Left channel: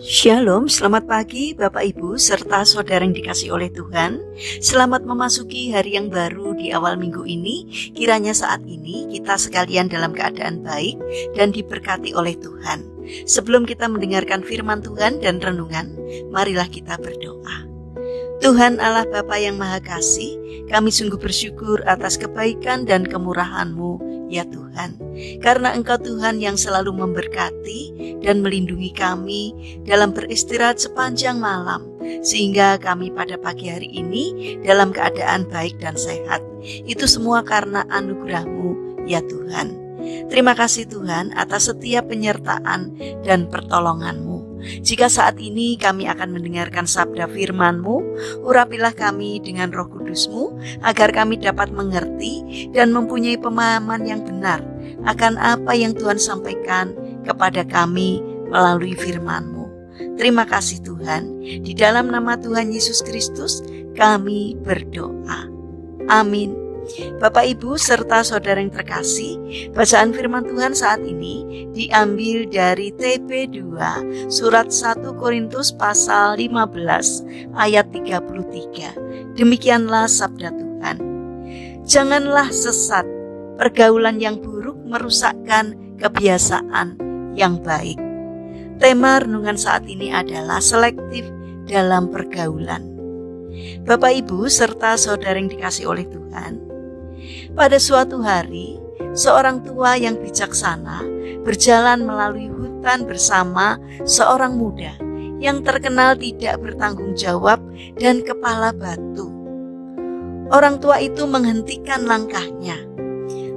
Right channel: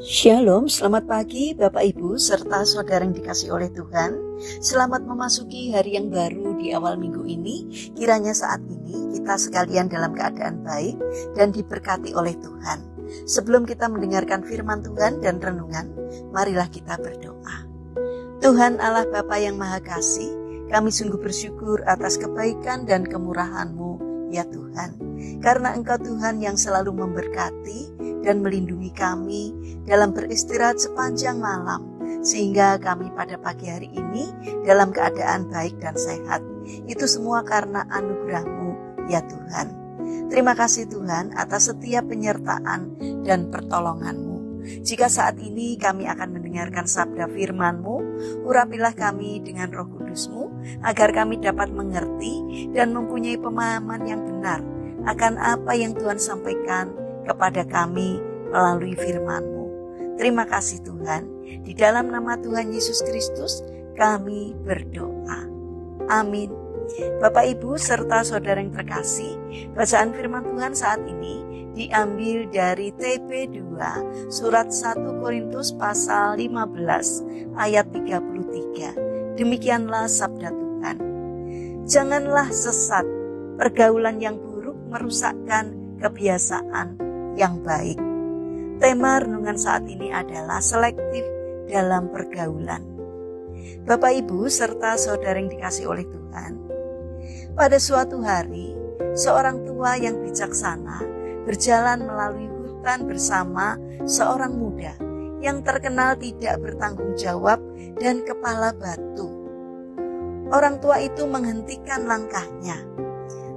Shalom, selamat pagi Bapak Ibu serta saudara yang dikasihi oleh Tuhan. Selamat memasuki hari yang baru di awal minggu ini. Kiranya saat ini kita sekalian dalam keadaan baik dan diberkati oleh Tuhan. Sebelum kita mendengarkan firman Tuhan dan renungan, marilah kita berdoa. Tuhan Allah Bapa yang Maha Kasih, kami sungguh bersyukur atas kebaikan dan kemurahan-Mu, ya Tuhan. Karena Engkau Tuhan yang selalu memberkati dan melindungi kami dalam beristirahat sepanjang malam, sehingga kami pada pagi hari ini dalam keadaan baik dan sehat. Itu semua karena anugerah-Mu, ya Tuhan. Terima kasih Tuhan atas setiap penyertaan dan pertolongan-Mu. Jika saat ini kami akan mendengarkan sabda firman-Mu, urapilah kami dengan Roh Kudus-Mu, agar kami dapat mengerti dan mempunyai pemahaman yang benar akan apa yang Tuhan sampaikan kepada kami melalui firman-Mu. Terima kasih Tuhan, di dalam nama Tuhan Yesus Kristus kami berdoa. Amin. Bapak Ibu serta saudara yang terkasih, bacaan firman Tuhan saat ini diambil dari TP2 surat 1 Korintus pasal 15 ayat 33. Demikianlah sabda Tuhan. Janganlah sesat, pergaulan yang buruk merusakkan kebiasaan yang baik. Tema renungan saat ini adalah selektif dalam pergaulan. Bapak Ibu serta saudara yang dikasihi oleh Tuhan, pada suatu hari, seorang tua yang bijaksana berjalan melalui hutan bersama seorang muda yang terkenal tidak bertanggung jawab dan kepala batu. Orang tua itu menghentikan langkahnya,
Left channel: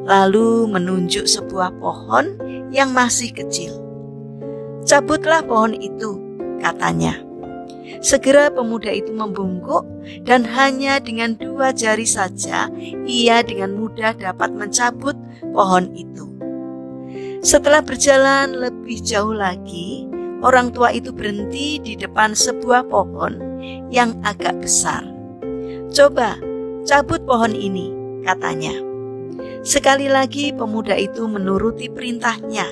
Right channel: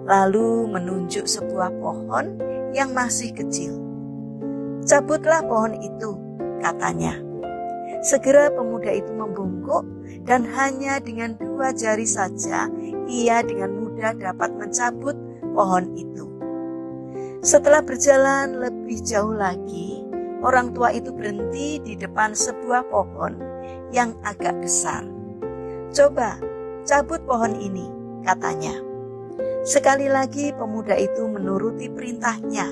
lalu menunjuk sebuah pohon yang masih kecil. "Cabutlah pohon itu," katanya. Segera pemuda itu membungkuk dan hanya dengan 2 jari saja ia dengan mudah dapat mencabut pohon itu. Setelah berjalan lebih jauh lagi, orang tua itu berhenti di depan sebuah pohon yang agak besar. "Coba cabut pohon ini," katanya. Sekali lagi pemuda itu menuruti perintahnya.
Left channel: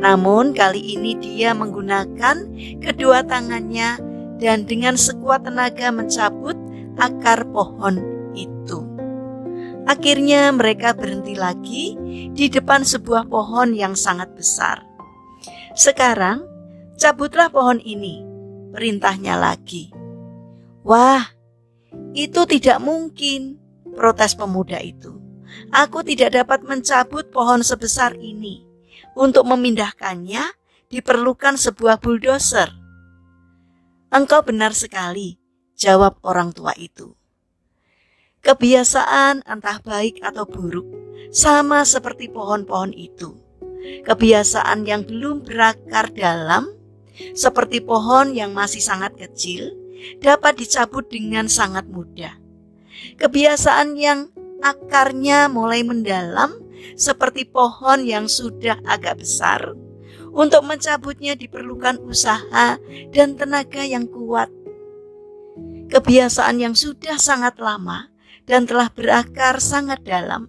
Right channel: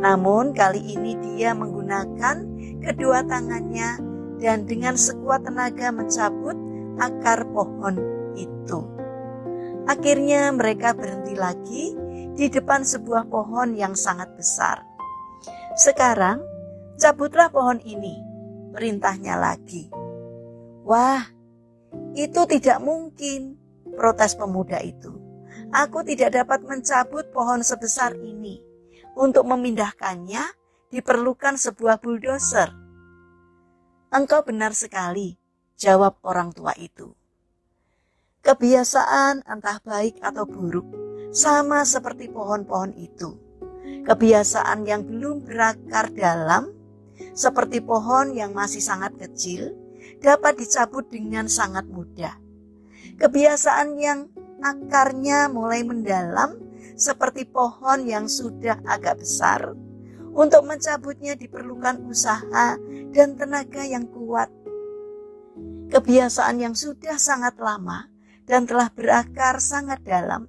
Namun kali ini dia menggunakan kedua tangannya dan dengan sekuat tenaga mencabut akar pohon itu. Akhirnya mereka berhenti lagi di depan sebuah pohon yang sangat besar. "Sekarang cabutlah pohon ini," perintahnya lagi. "Wah, itu tidak mungkin," protes pemuda itu. "Aku tidak dapat mencabut pohon sebesar ini. Untuk memindahkannya diperlukan sebuah bulldozer." "Engkau benar sekali," jawab orang tua itu. Kebiasaan entah baik atau buruk sama seperti pohon-pohon itu. Kebiasaan yang belum berakar dalam, seperti pohon yang masih sangat kecil, dapat dicabut dengan sangat mudah. Kebiasaan yang akarnya mulai mendalam, seperti pohon yang sudah agak besar, untuk mencabutnya diperlukan usaha dan tenaga yang kuat. Kebiasaan yang sudah sangat lama dan telah berakar sangat dalam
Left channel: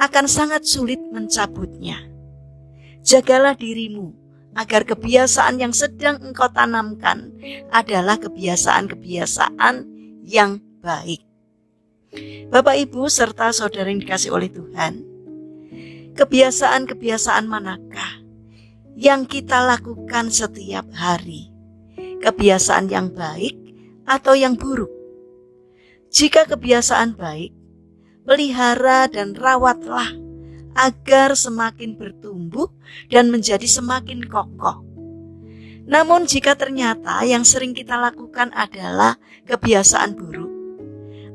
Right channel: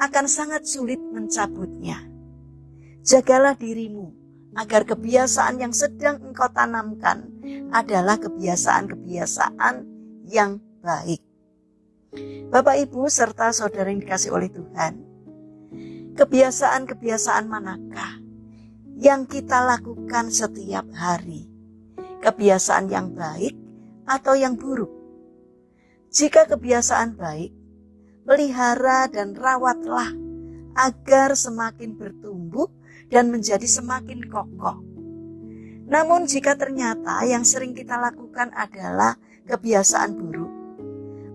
akan sangat sulit mencabutnya. Jagalah dirimu agar kebiasaan yang sedang engkau tanamkan adalah kebiasaan-kebiasaan yang baik. Bapak Ibu serta saudara yang dikasihi oleh Tuhan, kebiasaan-kebiasaan manakah yang kita lakukan setiap hari? Kebiasaan yang baik atau yang buruk? Jika kebiasaan baik, pelihara dan rawatlah agar semakin bertumbuh dan menjadi semakin kokoh. Namun jika ternyata yang sering kita lakukan adalah kebiasaan buruk,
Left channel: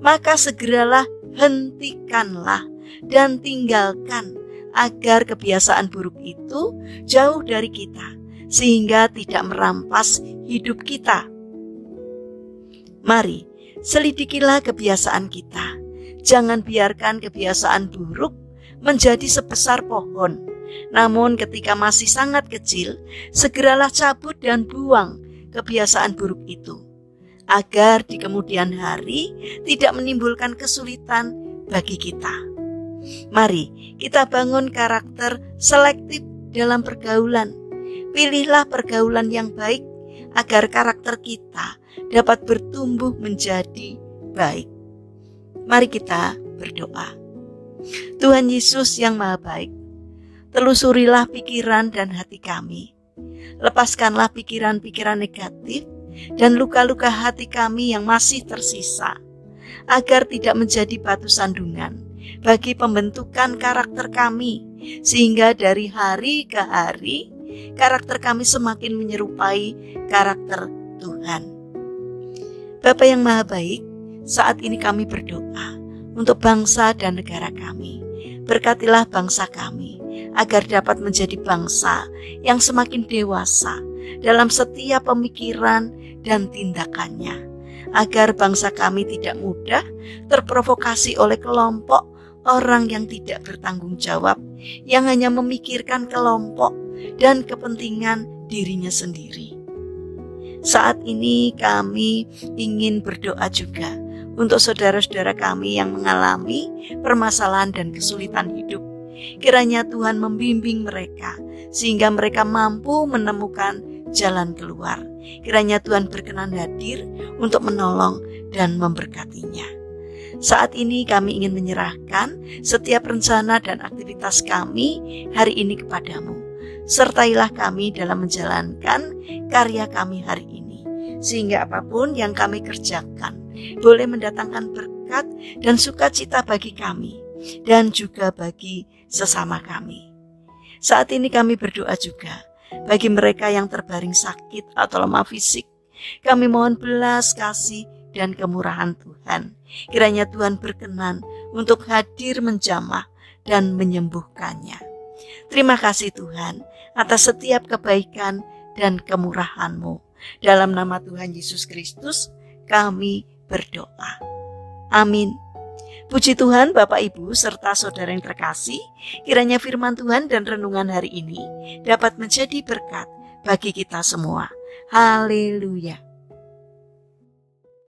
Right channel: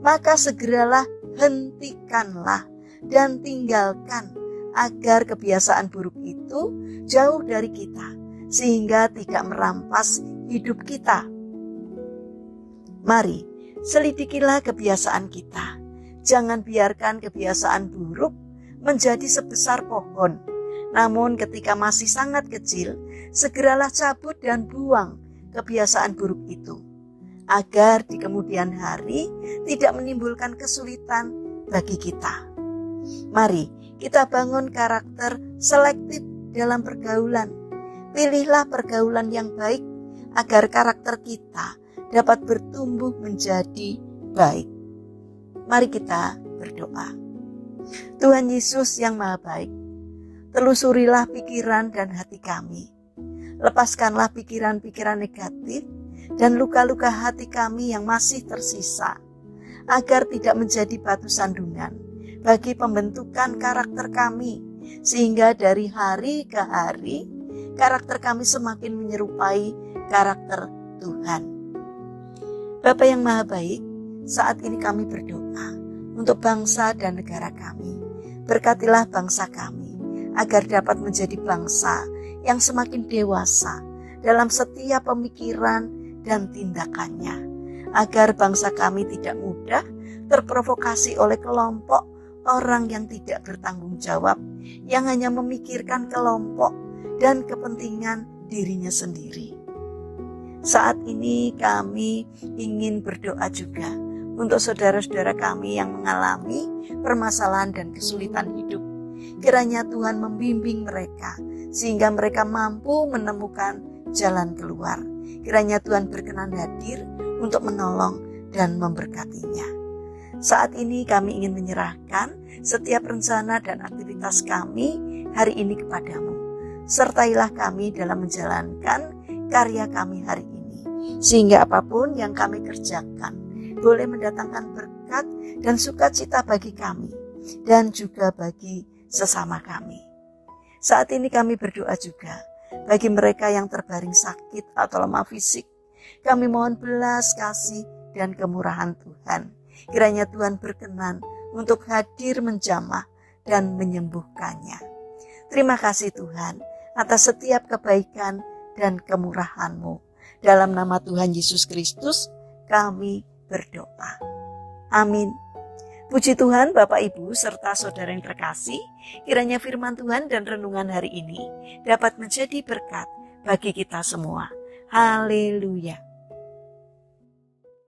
maka segeralah hentikanlah dan tinggalkan agar kebiasaan buruk itu jauh dari kita, sehingga tidak merampas hidup kita. Mari, selidikilah kebiasaan kita. Jangan biarkan kebiasaan buruk menjadi sebesar pohon. Namun ketika masih sangat kecil, segeralah cabut dan buang kebiasaan buruk itu, agar di kemudian hari tidak menimbulkan kesulitan bagi kita. Mari kita bangun karakter selektif dalam pergaulan. Pilihlah pergaulan yang baik agar karakter kita dapat bertumbuh menjadi baik. Mari kita berdoa. Tuhan Yesus yang Maha Baik, telusurilah pikiran dan hati kami. Lepaskanlah pikiran-pikiran negatif dan luka-luka hati kami yang masih tersisa, agar tidak menjadi batu sandungan bagi pembentukan karakter kami, sehingga dari hari ke hari karakter kami semakin menyerupai karakter Tuhan. Bapa yang Maha Baik, saat ini kami berdoa untuk bangsa dan negara kami. Berkatilah bangsa kami agar dapat menjadi bangsa yang semakin dewasa dalam setiap pemikiran dan tindakannya, agar bangsa kami tidak mudah terprovokasi oleh kelompok orang yang tidak bertanggung jawab, yang hanya memikirkan kelompok dan kepentingan dirinya sendiri. Saat ini kami ingin berdoa juga untuk saudara-saudara kami yang mengalami permasalahan dan kesulitan hidup. Kiranya Tuhan membimbing mereka sehingga mereka mampu menemukan jalan keluar. Kiranya Tuhan berkenan hadir untuk menolong dan memberkatinya. Saat ini kami ingin menyerahkan setiap rencana dan aktivitas kami hari ini kepadamu. Sertailah kami dalam menjalankan karya kami hari ini, sehingga apapun yang kami kerjakan boleh mendatangkan berkat dan sukacita bagi kami dan juga bagi sesama kami. Saat ini kami berdoa juga bagi mereka yang terbaring sakit atau lemah fisik. Kami mohon belas kasih dan kemurahan Tuhan. Kiranya Tuhan berkenan untuk hadir menjamah dan menyembuhkannya. Terima kasih Tuhan atas setiap kebaikan dan kemurahan-Mu. Dalam nama Tuhan Yesus Kristus kami berdoa. Amin. Puji Tuhan Bapak Ibu serta saudara yang terkasih, kiranya firman Tuhan dan renungan hari ini dapat menjadi berkat bagi kita semua. Haleluya.